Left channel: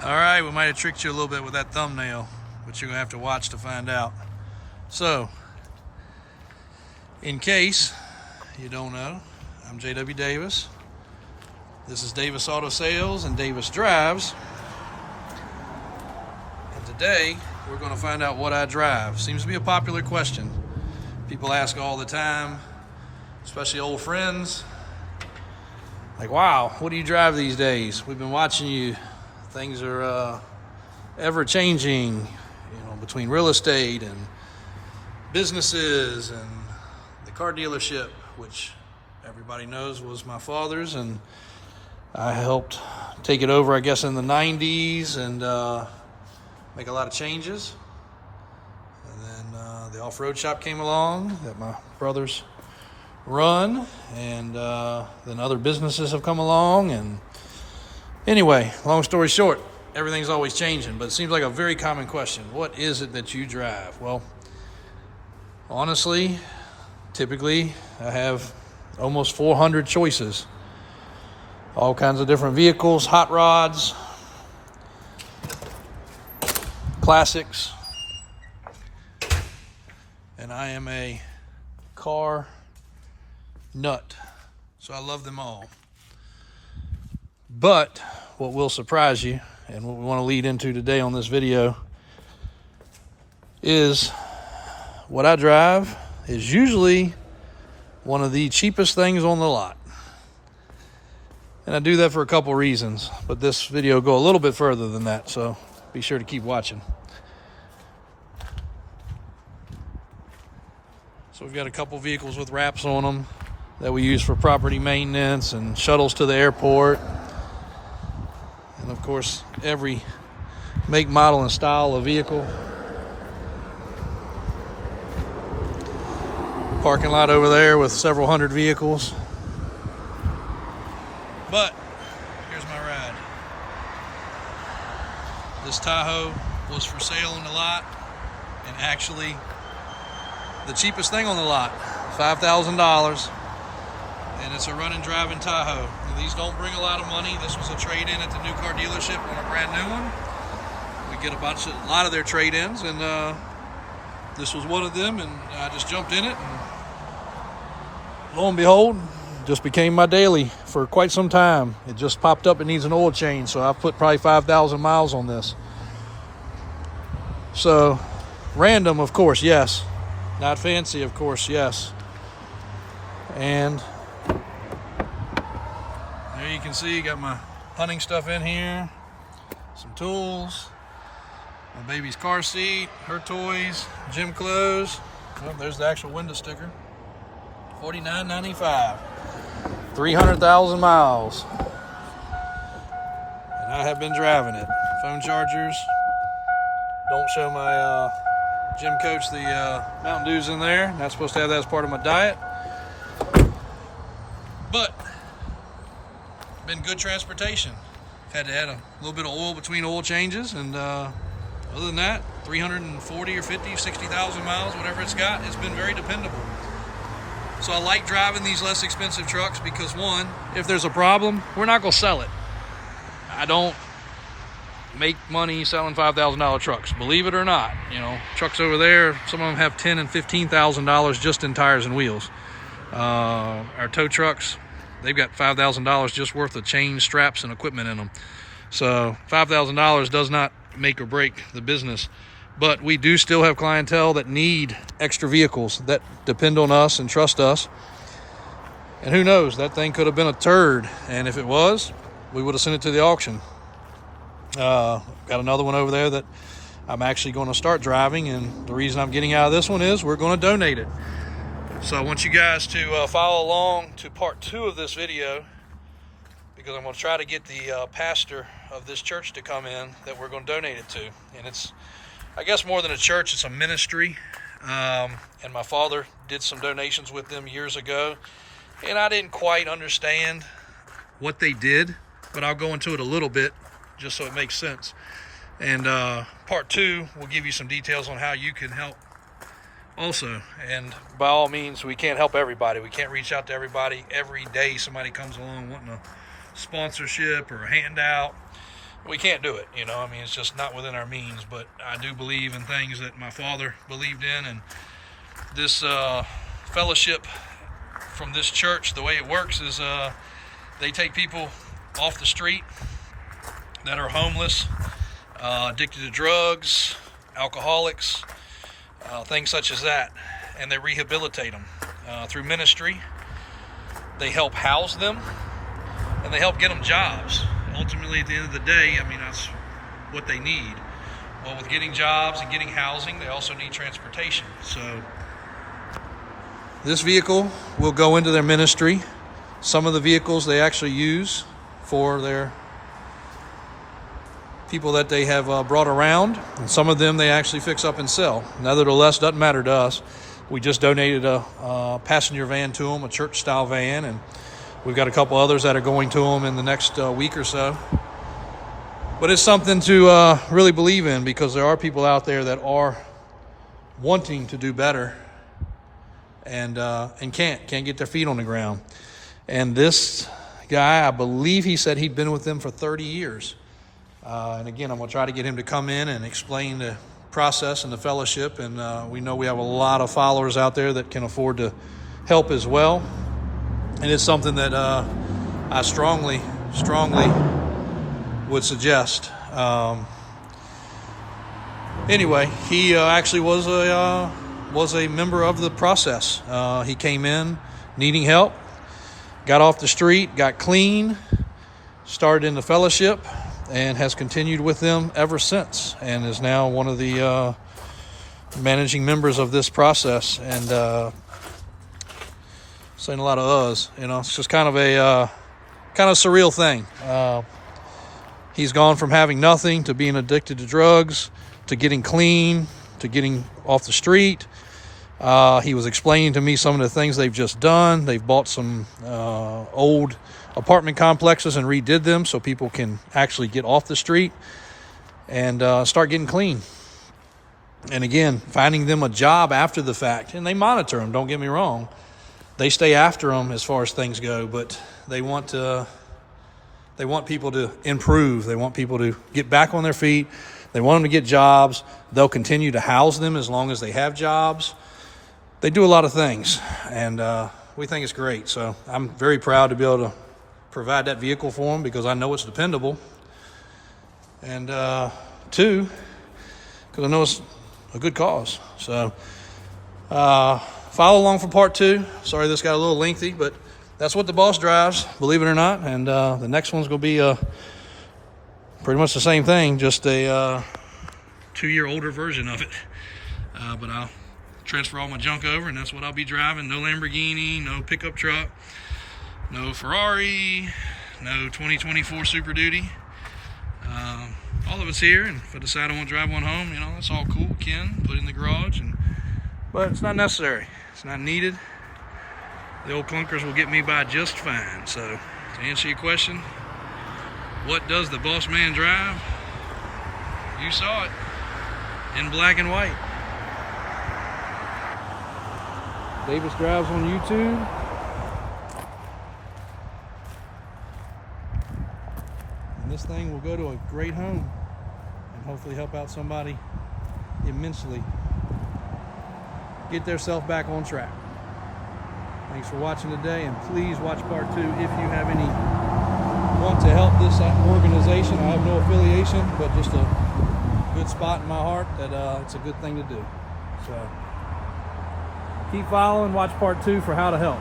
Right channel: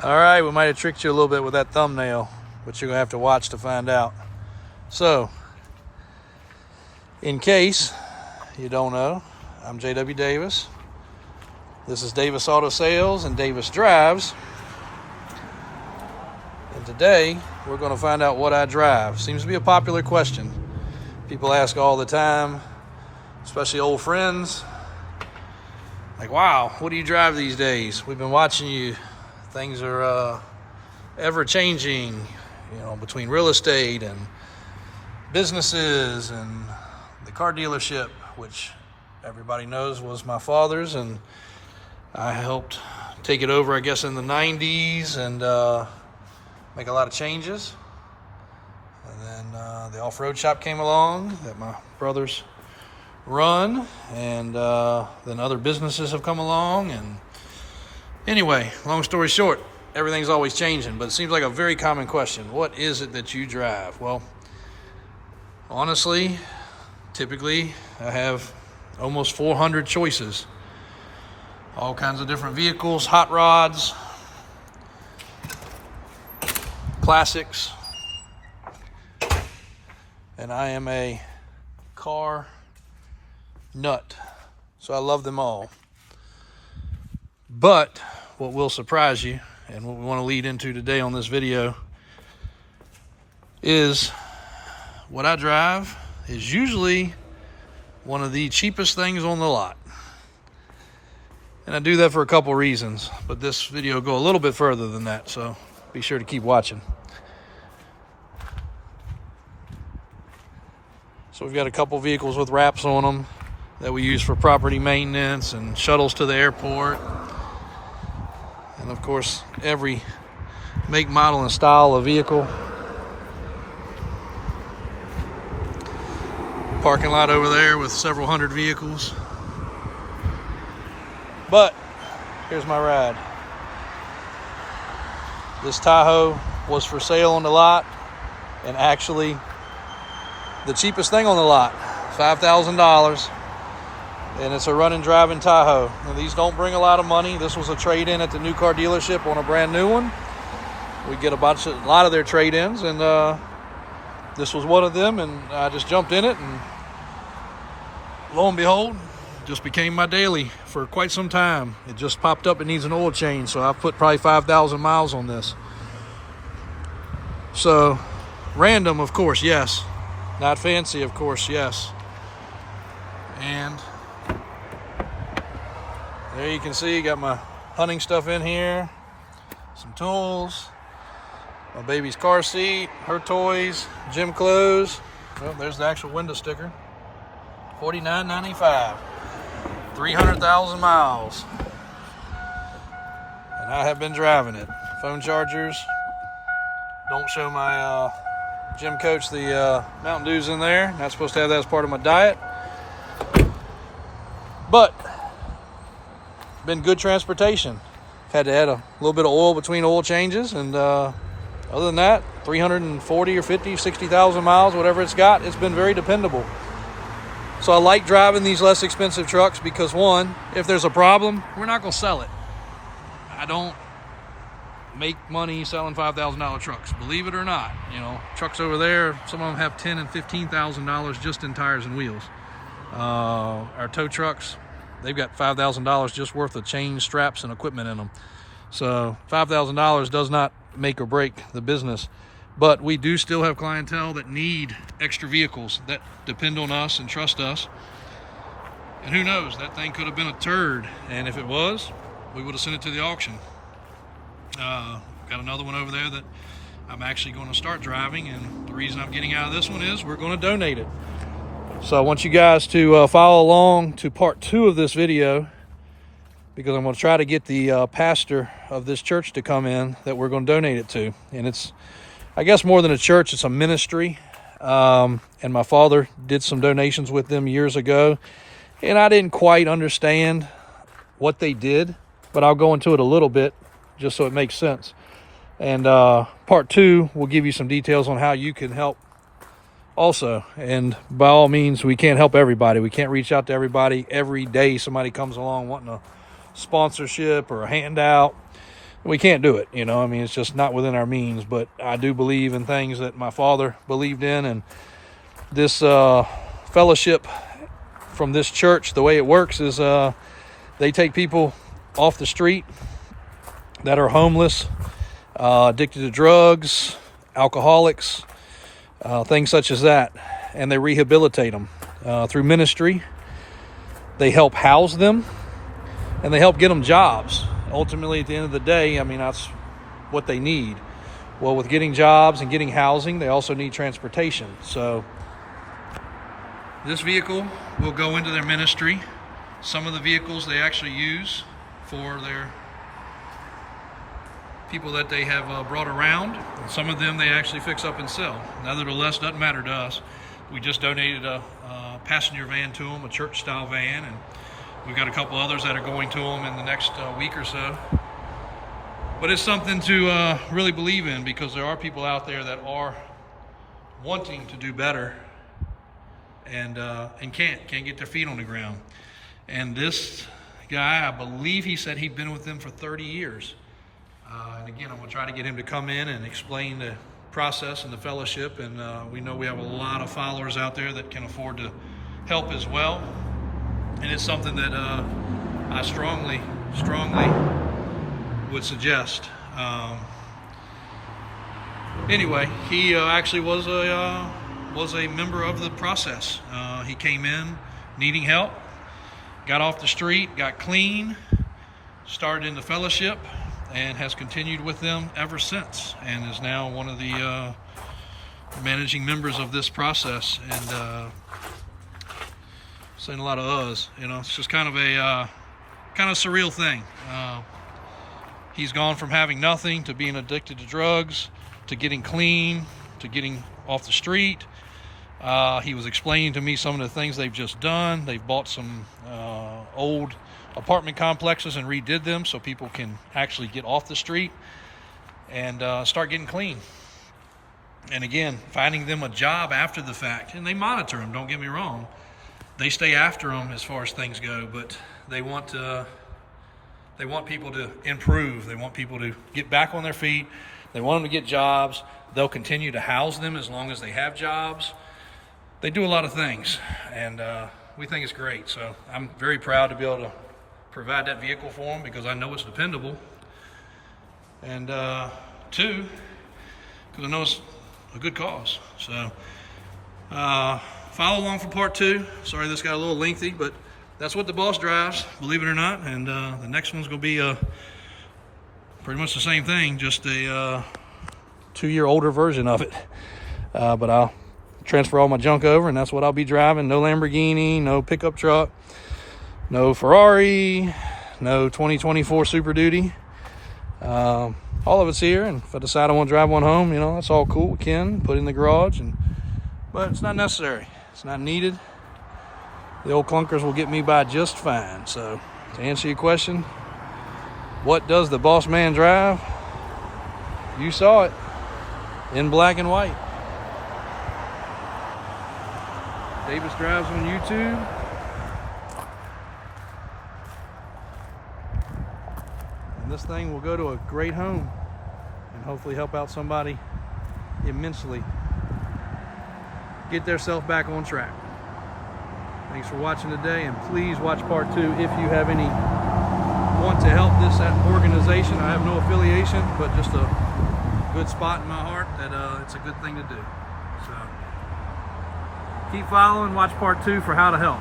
All right, we might have tricked you a little bit with that thumbnail, but you're gonna have to watch to find out. So, in case you don't know, I'm J.W. Davis. This is Davis Auto Sales and Davis Drives. And today, we're gonna find out what I drive. Seems to be a popular question. People ask all the time, especially old friends. Like, wow, what do you drive these days? We've been watching you. Things are ever changing, between real estate and businesses and the car dealership, which everybody knows was my father's, and I helped take it over, I guess, in the 90s and make a lot of changes. And then the off-road shop came along that my brothers run, and then other businesses have come along. And anyway, long story short, everything's always changing, but it seems like a very common question. What is it that you drive? Well, honestly, typically I have almost 400 choices. All kinds of different vehicles, hot rods, classics. And I am a car nut, so I love them all. But what will surprise you, and what we want to lead into today on this video, is what I drive is usually one of the cheapest things on the lot. And I do that for a couple reasons, but this video will go a little bit further than that, so be sure to keep watching. So we've got a couple vehicles with wraps on them that we use for property maintenance and shuttles to the airport. And of course, every make, model, and style of vehicle. Parking lot over there with several hundred vehicles. But here's my ride. This Tahoe was for sale on the lot, and actually the cheapest thing on the lot, $5,000. And it's a running, driving Tahoe. Now, these don't bring a lot of money. This was a trade-in at the new car dealership on a brand new one. We get a lot of their trade-ins, and this was one of them, and I just jumped in it, and lo and behold, just became my daily for quite some time. It just popped up, it needs an oil change, so I put probably 5,000 miles on this. So, random, of course, yes. Not fancy, of course, yes. And there you can see, got my hunting stuff in here, some tools, my baby's car seat, her toys, gym clothes. Oh, there's the actual window sticker. $49.95, 300,000 miles, and I have been driving it. Phone chargers. Don't show my gym coach the Mountain Dew's in there. Not supposed to have that as part of my diet, but been good transportation. Had to add a little bit of oil between oil changes, and other than that, 340 or 50, 60,000 miles, whatever it's got, it's been very dependable. So I like driving these less expensive trucks because, one, if there's a problem, we're not going to sell it. I don't make money selling $5,000 trucks, believe it or not. Trucks over there, some of them have $10,000 and $15,000 just in tires and wheels. Our tow trucks, they've got $5,000 just worth of chain, straps, and equipment in them. So $5,000 does not make or break the business. But we do still have clientele that need extra vehicles, that depend on us and trust us. And who knows, that thing could have been a turd. And if it was, we would have sent it to the auction. Got another one over there that I'm actually going to start driving. And the reason I'm getting out of this one is we're going to donate it. So I want you guys to follow along to part 2 of this video, because I'm going to try to get the pastor of this church to come in that we're going to donate it to. And it's, I guess, more than a church, it's a ministry. And my father did some donations with them years ago, and I didn't quite understand what they did, but I'll go into it a little bit just so it makes sense. And part 2 will give you some details on how you can help also. And by all means, we can't help everybody. We can't reach out to everybody every day. Somebody comes along wanting a sponsorship or a handout. we can't do it. I mean, it's just not within our means. But I do believe in things that my father believed in, and this fellowship from this church, the way it works is they take people off the street that are homeless, addicted to drugs, alcoholics, things such as that, and they rehabilitate them through ministry. They help house them, and they help get them jobs. Ultimately, at the end of the day, I mean, that's what they need. Well, with getting jobs and getting housing, they also need transportation. So this vehicle will go into their ministry. Some of the vehicles they actually use for their people that they have brought around, and some of them they actually fix up and sell. Nevertheless, doesn't matter to us. We just donated a passenger van to them, a church style van, and we've got a couple others that are going to them in the next week or so. But it's something to really believe in, because there are people out there that are wanting to do better and can't get their feet on the ground. And this guy, I believe he said he'd been with them for 30 years. And again, I'm going to try to get him to come in and explain the process and the fellowship. And we know we have a lot of followers out there that can afford to help as well. And it's something that I strongly would suggest. Anyway, he actually was a member of the process. He came in needing help, got off the street, got clean, started in the fellowship, and has continued with them ever since, and is now one of the managing members of this process. And saying a lot of us, it's just kind of a surreal thing. He's gone from having nothing to being addicted to drugs, to getting clean, to getting off the street. He was explaining to me some of the things they've just done. They've bought some old apartment complexes and redid them so people can actually get off the street and start getting clean. And again, finding them a job after the fact. And they monitor them, don't get me wrong. They stay after them as far as things go, but they want people to improve. They want people to get back on their feet. They want them to get jobs. They'll continue to house them as long as they have jobs. They do a lot of things, and we think it's great. So I'm very proud to be able to provide that vehicle for them, because I know it's dependable. And two, because I know it's a good cause. So follow along for part 2. Sorry this got a little lengthy, but that's what the boss drives, believe it or not. And the next one's going to be pretty much the same thing, just a 2-year older version of it. But I'll transfer all my junk over, and that's what I'll be driving. No Lamborghini, no pickup truck, no Ferrari, no 2024 Super Duty. All of it's here, and if I decide I want to drive one home, that's all cool. We can put it in the garage, but it's not necessary. It's not needed. The old clunkers will get me by just fine. So to answer your question, what does the boss man drive? You saw it in black and white. Davis Drives on YouTube. And this thing will go to a great home and hopefully help out somebody immensely get theirself back on track. Thanks for watching today, and please watch part 2 if you have any want to help this organization. I have no affiliation, but just a good spot in my heart that it's a good thing to do. So keep following, watch part 2 for how to help.